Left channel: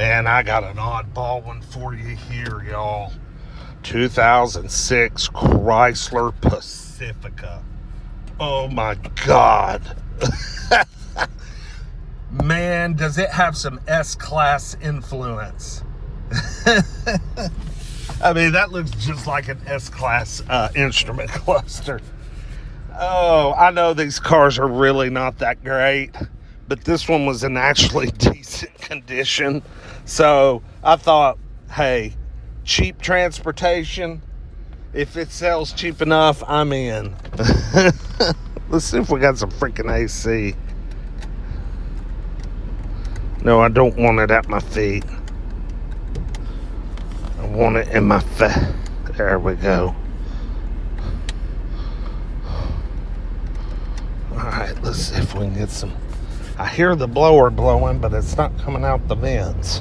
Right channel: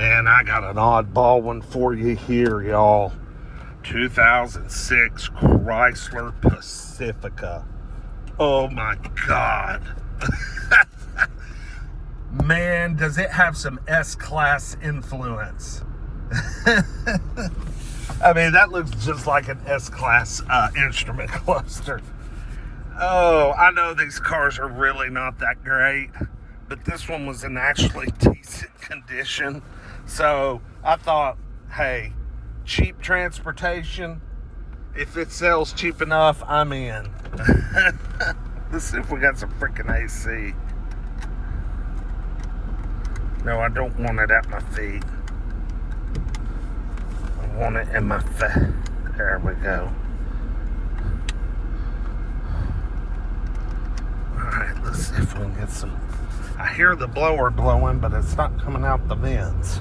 Man, I got an oddball one for you here, y'all. 2006 Chrysler Pacifica. Oh my God. Man, does it have some S-Class influence. I mean, that looks just like an S-Class instrument cluster. Oh, I know these cars are really not that great, but this one was in actually decent condition. So I thought, hey, cheap transportation, if it sells cheap enough, I'm in. Let's see if we got some freaking AC. No, I don't want it at my feet. I want it in my face. There we go. Alright, let's see if we can get some. I hear the blower blowing, but it's not coming out the vents.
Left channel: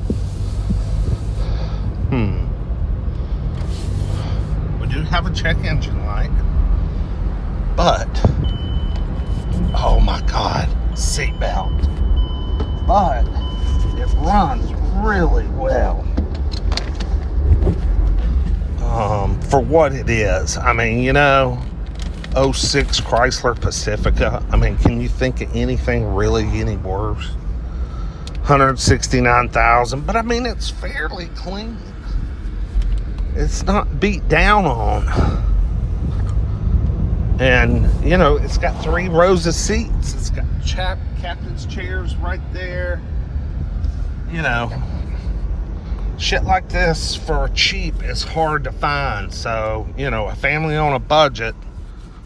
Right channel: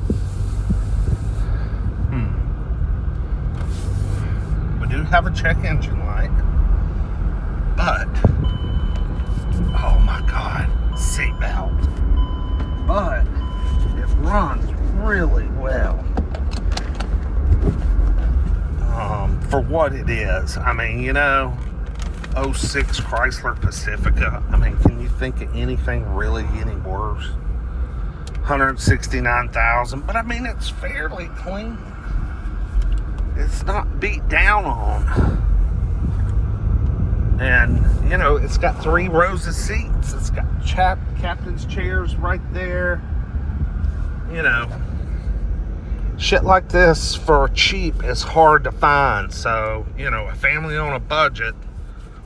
We do have a check engine light, but oh my God, seatbelt. But it runs really well for what it is. I mean, you know, 06 Chrysler Pacifica. I mean, can you think of anything really any worse? 169,000, but I mean, it's fairly clean. It's not beat down on. And, you know, it's got 3 rows of seats. It's got captain's chairs right there. You know, shit like this for cheap is hard to find. So, you know, a family on a budget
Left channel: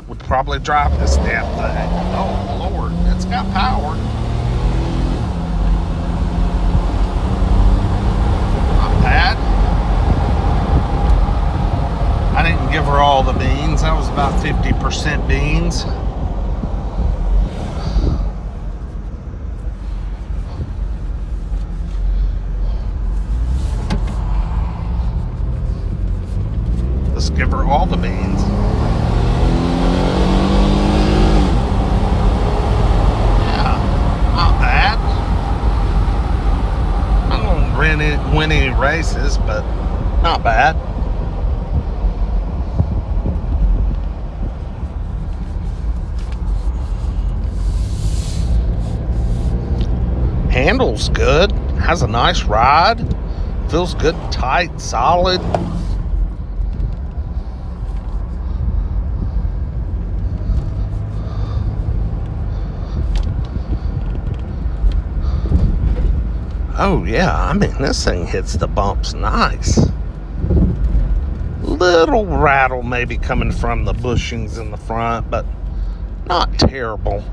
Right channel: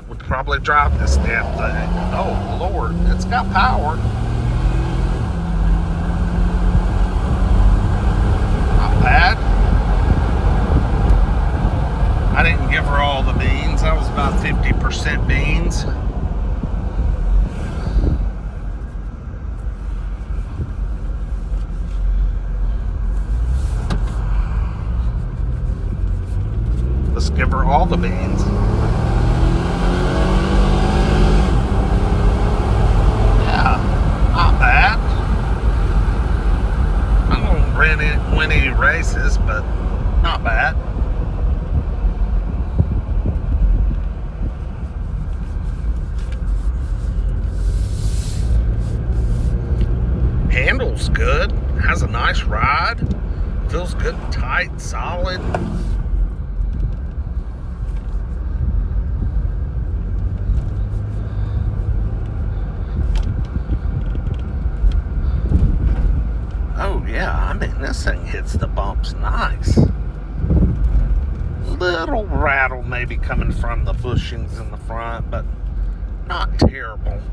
would probably drive this damn thing. Oh, Lord, it's got power. Not bad. I didn't give her all the beans. That was about 50% beans. Let's give her all the beans. Yeah, not bad. I don't win any races, but not bad. Handles good, has a nice ride, feels good, tight, solid. Oh yeah, I mean, this thing hits the bumps nice. Little rattle maybe coming from the bushings in the front, but not terrible.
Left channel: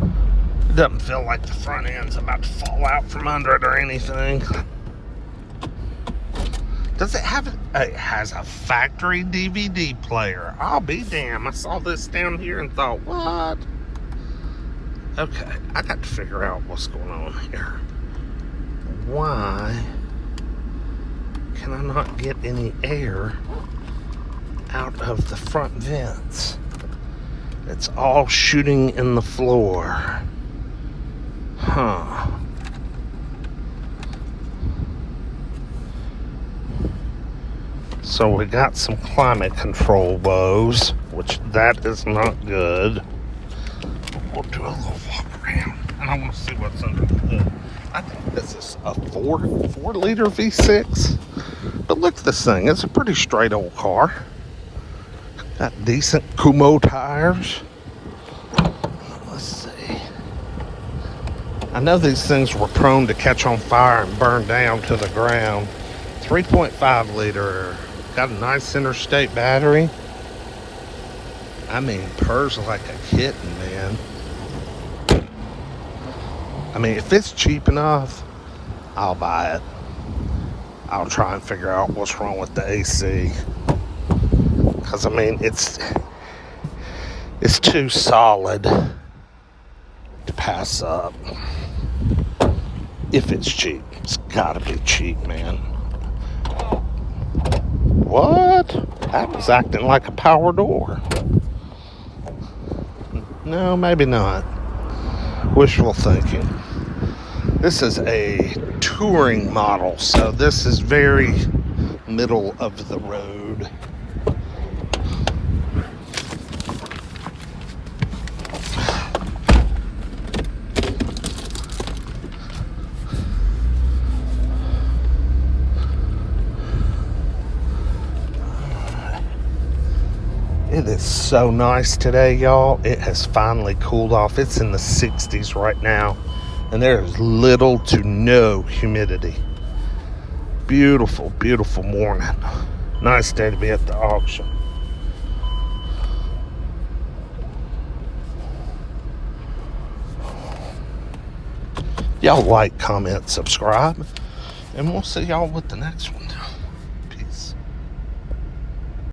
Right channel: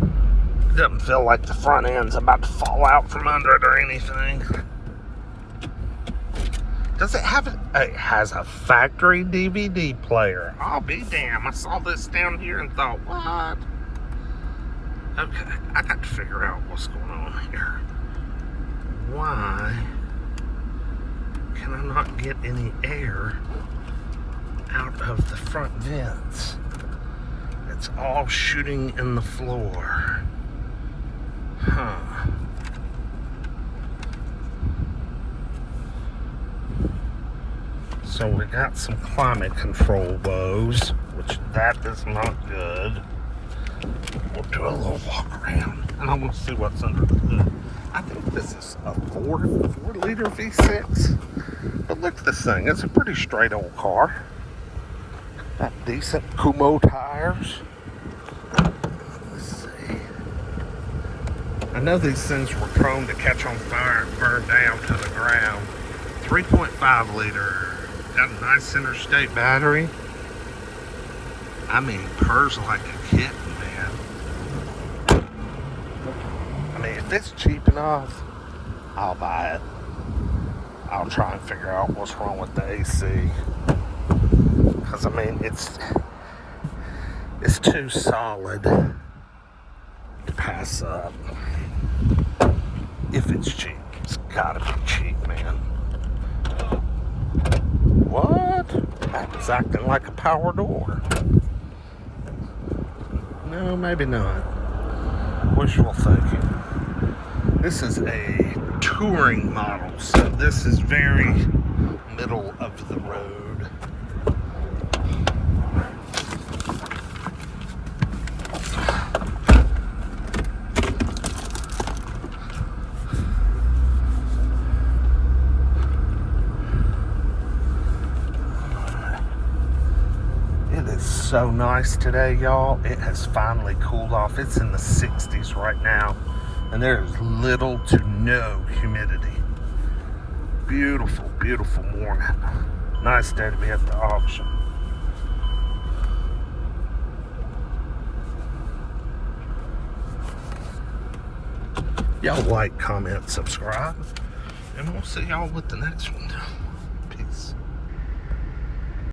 It doesn't feel like the front end's about to fall out from under it or anything. Does it have it has a factory DVD player. I'll be damned. I saw this down here and thought, what? Okay, I got to figure out what's going on here. Why can I not get any air out of the front vents? It's all shooting in the floor. Huh. So we got some climate control woes, which that is not good. We'll do a little walk around. And I want to see what's under the hood. I think this is a 4-liter V6. But look at this thing. It's a pretty straight old car. Got decent Kumo tires. Let's see. I know these things were prone to catch on fire and burn down to the ground. 3.5 liter. Got a nice interstate battery. I mean, purrs like a kitten, man. I mean, if it's cheap enough, I'll buy it. I'll try and figure out what's wrong with the AC. Because, I mean, it's too solid to pass up. If it's cheap. It's gotta be cheap, man. What? That was acting like a power door. No, maybe not. Wishful thinking. This is a touring model. So this is very middle of the road. It is so nice today, y'all. It has finally cooled off. It's in the 60s right now, and there's little to no humidity. Beautiful, beautiful morning. Nice day to be at the auction. Y'all like, comment, subscribe, and we'll see y'all with the next one.